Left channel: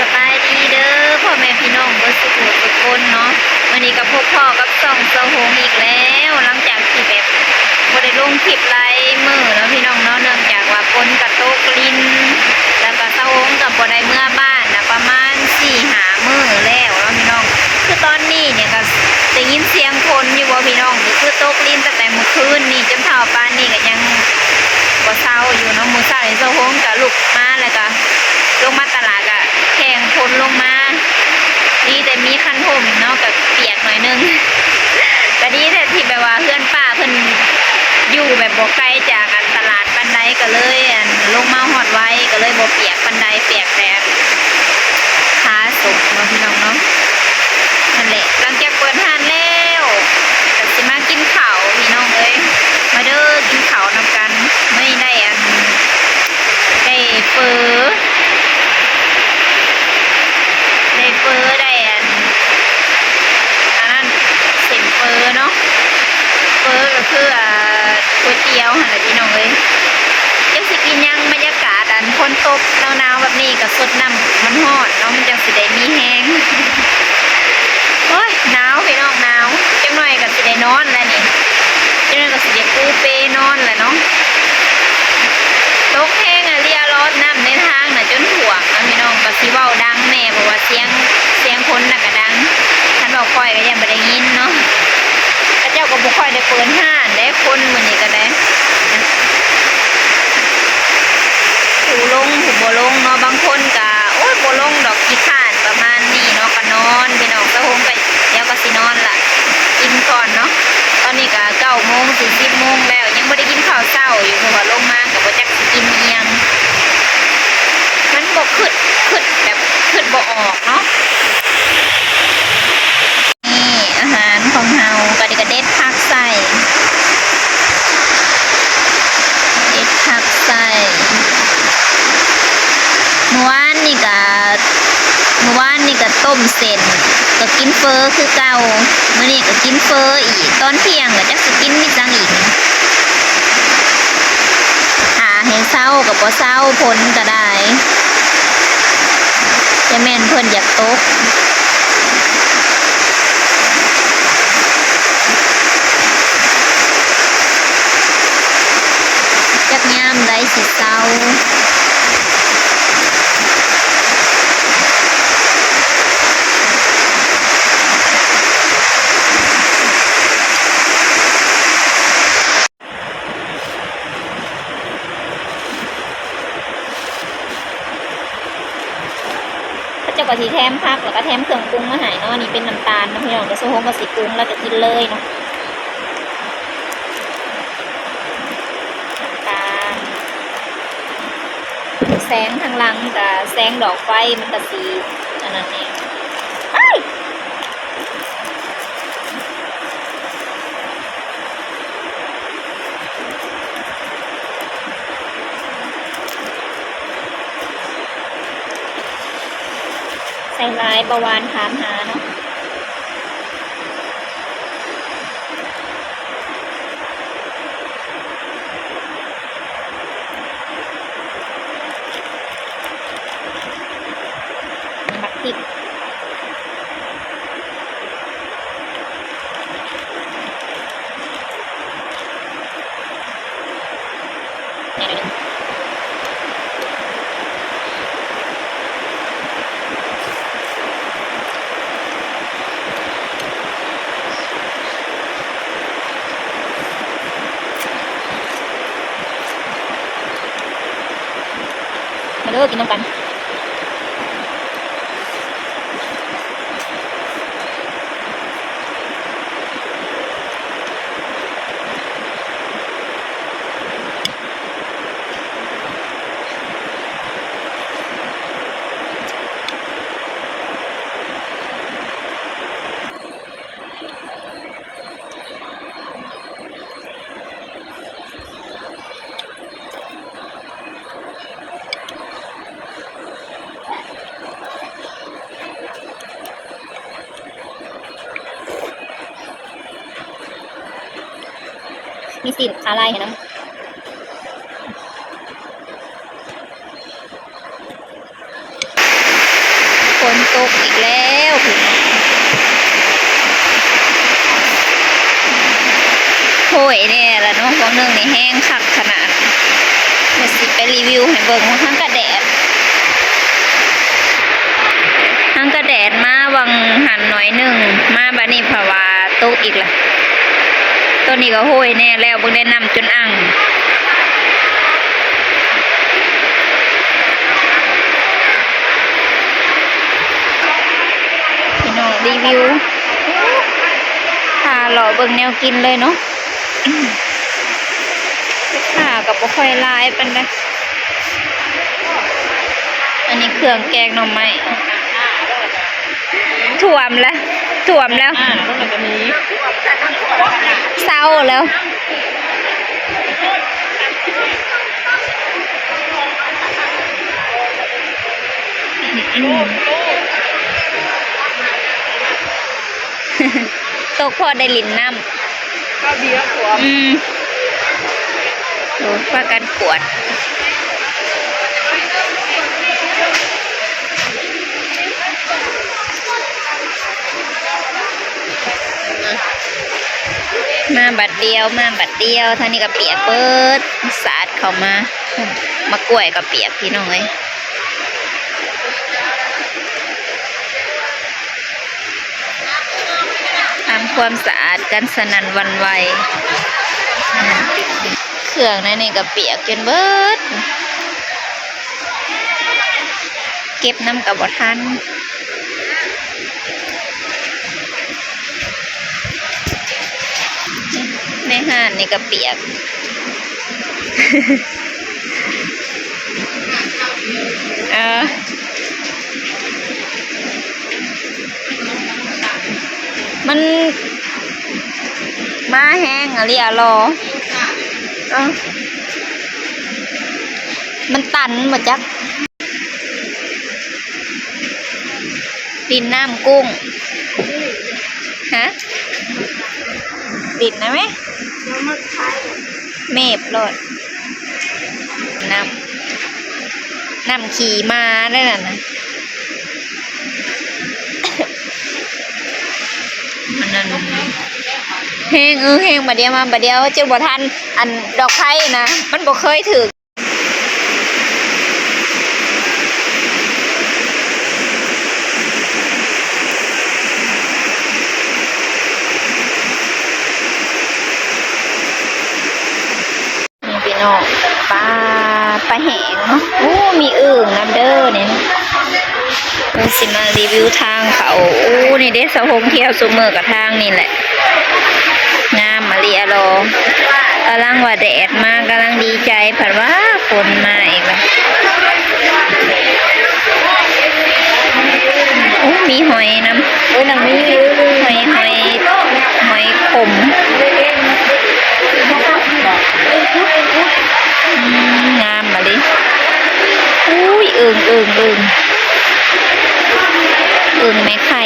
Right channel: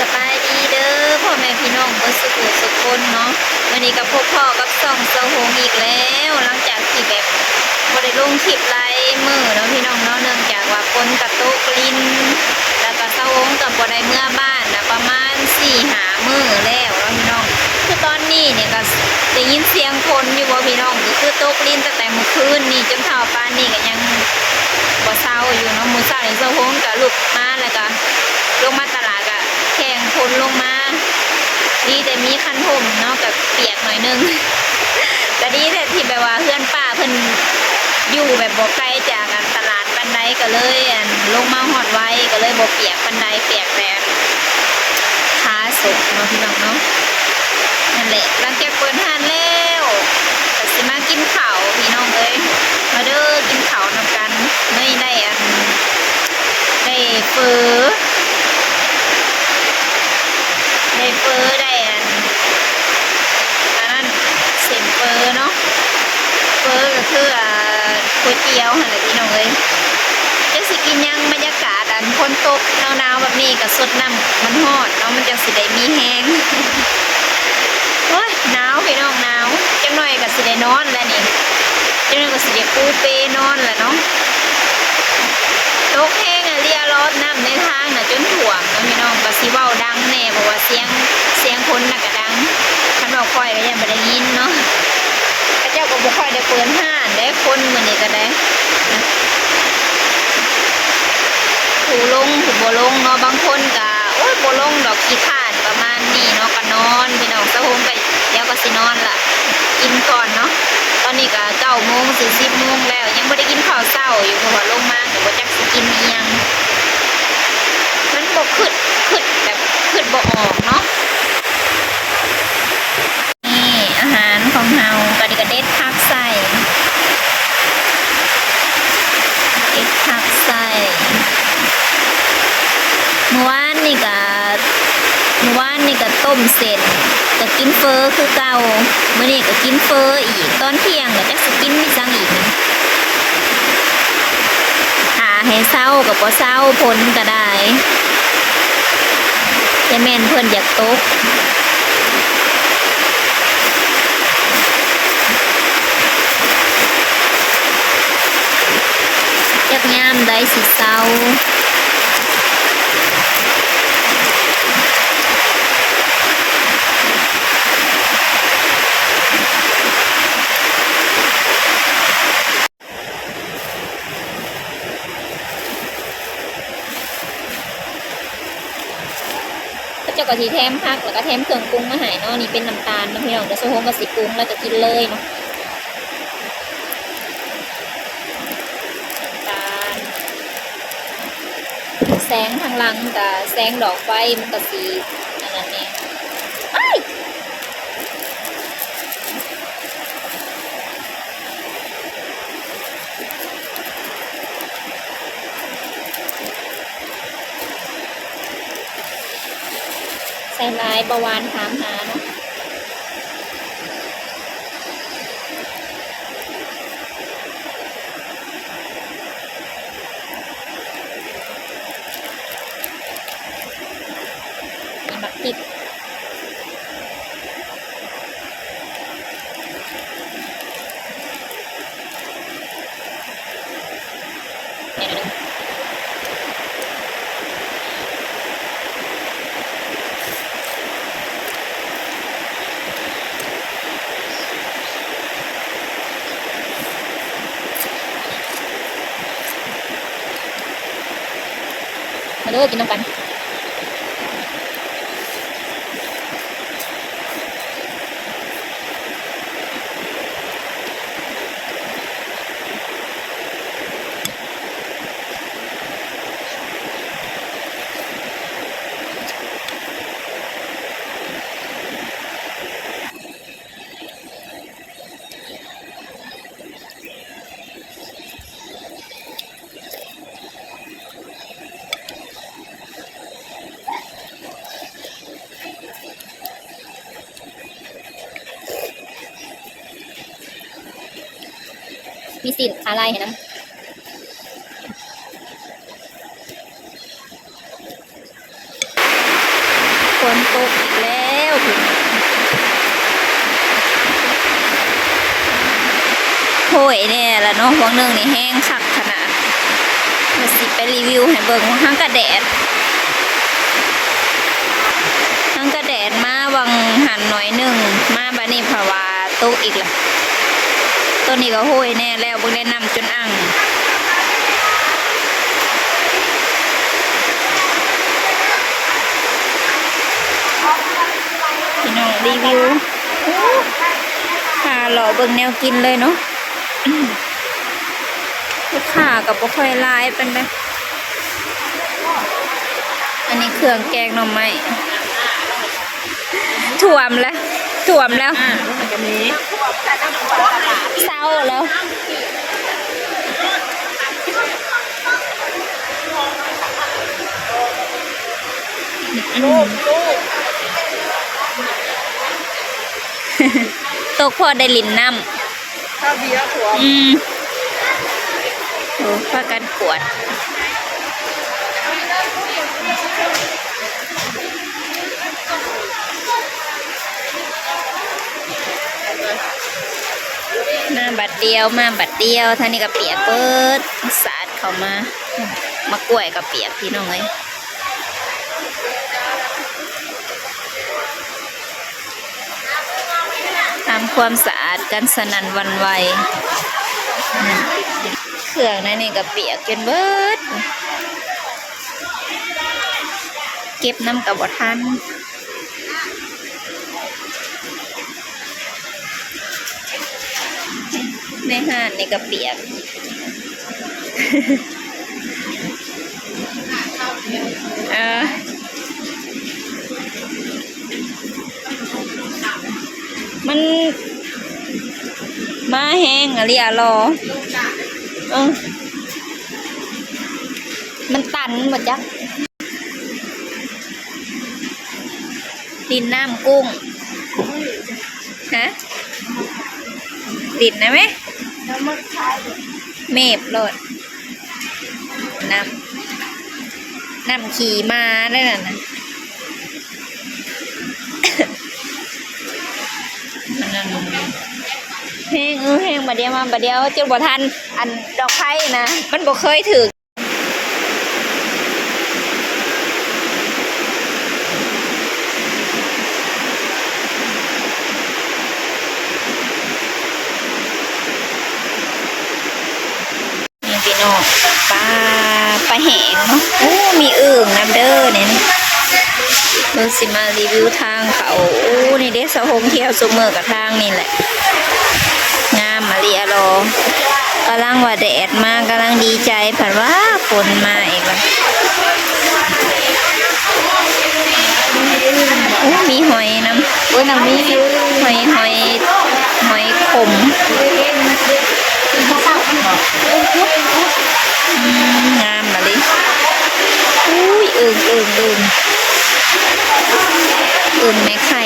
สบายดีเด้อพ่อแม่พี่น้องเบิดสุขสุขคนเนาะวันนี้กับพวกพ่อกับส่องเซาโฮมอีกแล้วหลังจากที่แบบบ่ได้ลงคลิปไลฟ์มื้อเนาะพี่น้องเนาะเนื่องจากว่าฝนกระตกลิ้นแล้วก็เซาโฮมกับบ่ได้เมื่อบ้านนะประมาณ4-5 มื้อแล้วเนาะพี่น้องคือตอนนี้เนี่ยก็ได้ยินเสียงคนอยู่บ่พี่น้องก็คือตกลิ้นตั้งแต่เมื่อคืนนี่จนเท่าปานนี้ก็ยังบ่เซาอยู่เนาะมื้อเช้านี่เซาโฮมก็ลุกมาแล้วก็ลงมาตลาดอะแข่งคนลงมาดีแต่มีคันห่มเนาะกับเปียกหน่อยนึงก็ดีแต่ที่แบบว่าเพื่อนป้าเพิ่นอยู่แบบบ่ไกลจากตลาดปันไดก็เลยลงมาหอดไว้ก็เลยบ่เปียกปันไดเปียกแต่ขาสุกเนาะพี่น้องเนาะนั่นแหละหลังจากเปิดห้านแล้วก็สิมากินข้าวพี่น้องเอ้ยมาเด้อกินข้าวนำกันไม่ได้ได้เฟอได้อันนั้นเส้นเฟอเนาะเฟอก็คือก๋วยเตี๋ยวหั่นแหละพี่น้องเลยจะสิกินยังบรรยากาศฝนตกหนาวๆแบบนี้ก็สดน้ำมันฮอดเนาะมันจะสิได้มีแห้งโอ้ยหนาวพี่น้องหนาวจังหน่อยก็สิได้นอนแล้วนี่จังหน่อยก็สิได้ปูเปนอนแหละเนาะตกแห้งเรียร้อนน้ำในทางน่ะจนถ่วงนะพี่น้องก็สิเว้าดังแน่เพราะว่าเสียงคนน่ะก็ดังท่านบอกค่อยก็ยังไม่ได้ยินเนาะพระเจ้าก็บ่ค่อยได้เปิดห้านได้คนมื้อนี้ก็ได้ผู้ลงผู้บ่ลงเนาะบางคนก็โอ้ยบ่ลงดอกขี้ข้านประมาณนี้เนาะก็นอนพี่น้องเช้าโฮมก็เดี๋ยวก็สินอนล่ะกินก่อนเนาะตอนนี้ก็9 โมง10 โมงแล้วยังไม่ได้กินข้าวเช้าอยู่เพราะว่าลงมาก็บ่จักสิกินอีหยังมันบ่ขึ้นแบบขึ้นบ่ออกเนาะนี่อาหารของเฮาก็ได้กระเด็ดผักใส่เด็ดผักใส่เมื่อวานนี่ก็ต้มเส้นก็กินเฟอคือเก่ามื้อนี้ก็กินเฟออีกตอนเที่ยงก็จักสิกินมีจังอีกหาให้เช้าก็บ่เช้าผลก็ได้แต่แม่นเพิ่นอยากตกจักยามได้สิเศร้าเจ้าก็สีแถมผักแล้วก็แถมเครื่องปรุงมาให้เนาะนี่เป็นน้ำตาลน้ำพี่น้องก็โซโฮงก็สิปรุงแล้วก็กินเลยเนาะตาลแสงทางหลังกับแสงดอกไฟมันก็สีอันนั้นนี่ใส่ลายประวานถามหาเนาะมีมักติดมาเลิกกินน้ำกันมีสีขาลายเห็นไหม ม ฝนตกอีกแล้วโหยเนี่ยละเนาะวังหนึ่งนี่แห้งคักขนาดเดี๋ยวสิไปรีวิวให้เบิ่งว่าทั้งกระแดดมาวังหันหน่อยหนึ่งมาบานี่ภาวาตกอีกละตัวนี้ก็โหยแน่แล้วเบิ่งได้นำจนอ่างพี่น้องรีวิวพาหล่อเบิ่งแนวกินเลยเนาะลูกค้ากับบ่ค่อยร้ายปานใดอันนี้เครื่องแกงหน่อไม้ถ่วมแล้วเศร้าแล้วตกพอได้ลินน้ำข้าวเบียร์ถั่วโอ้ปากันกวดมาบัดเดียวท่านี้ก็เปียกเปิดสาดเข้ามามากล้วยก็เปียกพี่น้องเอ้ยทำความสะอาดกันสนั่นหวั่นไหวเครื่องนั่นนี่ก็เปียกจนเบิดเก็บน้ำกับบ่ทันในห้านนี่ก็เปียกมันมาแห้งอะไรอะรอมันตันหมดจักดินน้ำกุ้งฮะดินได้ไหมเมฟโลดน้ำขี่มาได้น่ะนะมันนั่นแห้งบัดเดียวมาบัดเดียวเจ้าบ่ทันอันดอกไผ่นะมันบ่เคยถึงพี่น้องปลาแห้งเนาะโอ้มีอึ่งน้ำเด้อเนี่ยเราสิมารีวิวทางเขาโอ้นี่เด้สะหงเที่ยวซุเมอร์กับทางนี่แหละงามมาเรียรอกำลังว่าแดดมากกำลังดีใจผัดว่าฝนมาอีกแล้วโอ้มีหอยน้ำน้ำมีหอยขมงามมาเลยอุ้ยอึ่งไม่ไข่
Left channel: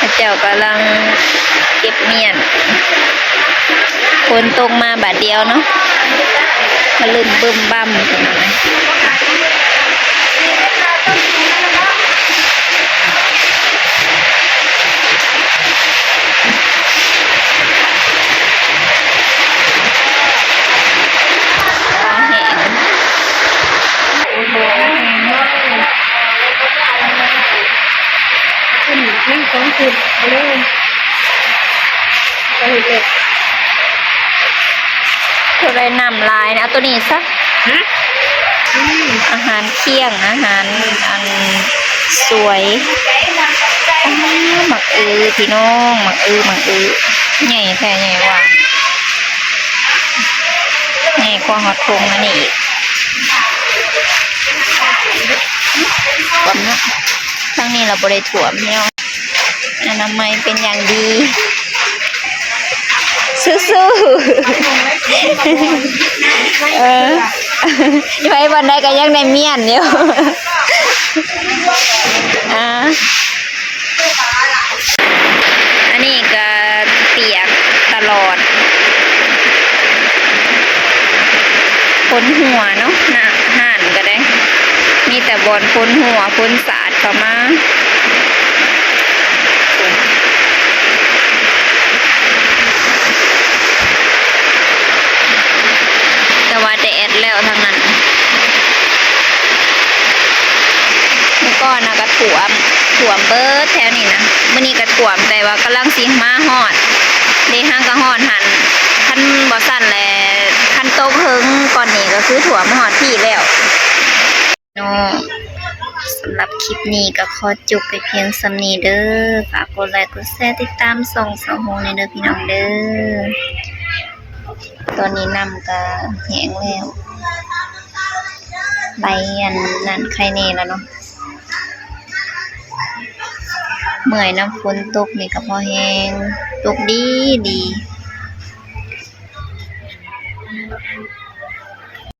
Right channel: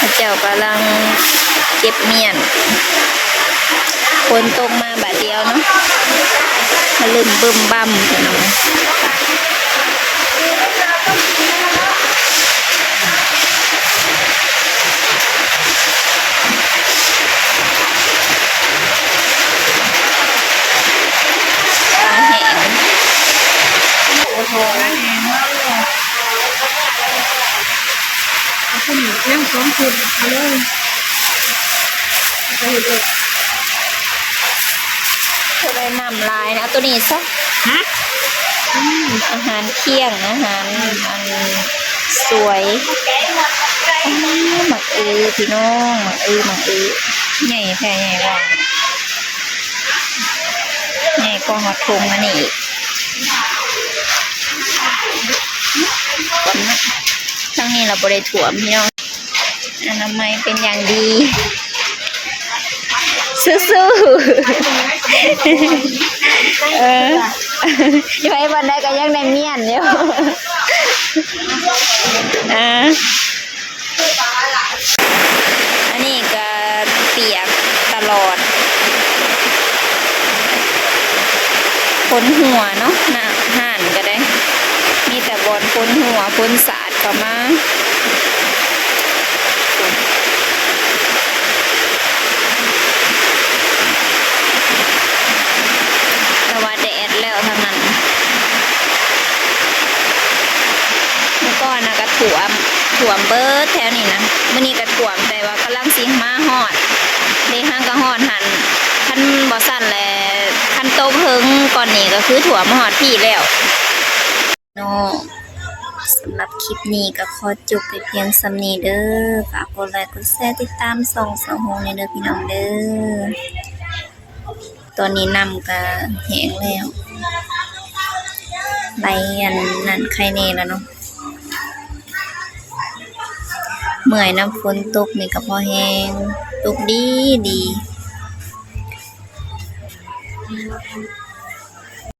พระเจ้ากำลังเก็บเมียนฝนตกมาบาดเดียวเนาะมาลืมบึ้มบั่มกันหน่อยนั่งสองคนเลยไปเลย เธอได้นำลายนะตัวนี้ซะอาหารเที่ยงอาหารอันสวยหมักพี่น้องหมักใหญ่แท้ใหญ่หวานใหญ่กว่าหอดทงนี่อีกความนะทั้งนี้เราบริถ่วมพี่น้องอนามัยเป็นอย่างดีสู้ๆยังไงวันใดก็ยังได้เมียนอยู่อันนี้ก็เปียกตลอดขนหัวเนาะหน้าห่านก็ได้มี แต่บอนพ้นหัวพ้นสาดเข้ามาแต่ว่าแดดแล้วทางนั้นเมื่อก่อนนะก็ถ่วมเบิดแถวนี้นะมื้อนี้ก็ถ่วมแต่ว่ากำลังสิมาฮอดได้ห้างก็ฮอดหันคันบ่สั่นแลคันโตเพิงก่อนนี้ก็คือถ่วมฮอดพี่แล้วเนาะสำหรับคลิปนี้ก็ขอจบไปเพียงส่ำนี้เด้อฝากกดไลค์กดแชร์ติดตามส่องสะโฮในเด้อพี่น้องเด้อตอนนี้น้ำก็แห้งแล้วไหลอันนั้นใครแน่แล้วเนาะเมื่อยน้ำฝนตกนี่ก็พอแห้งตกดี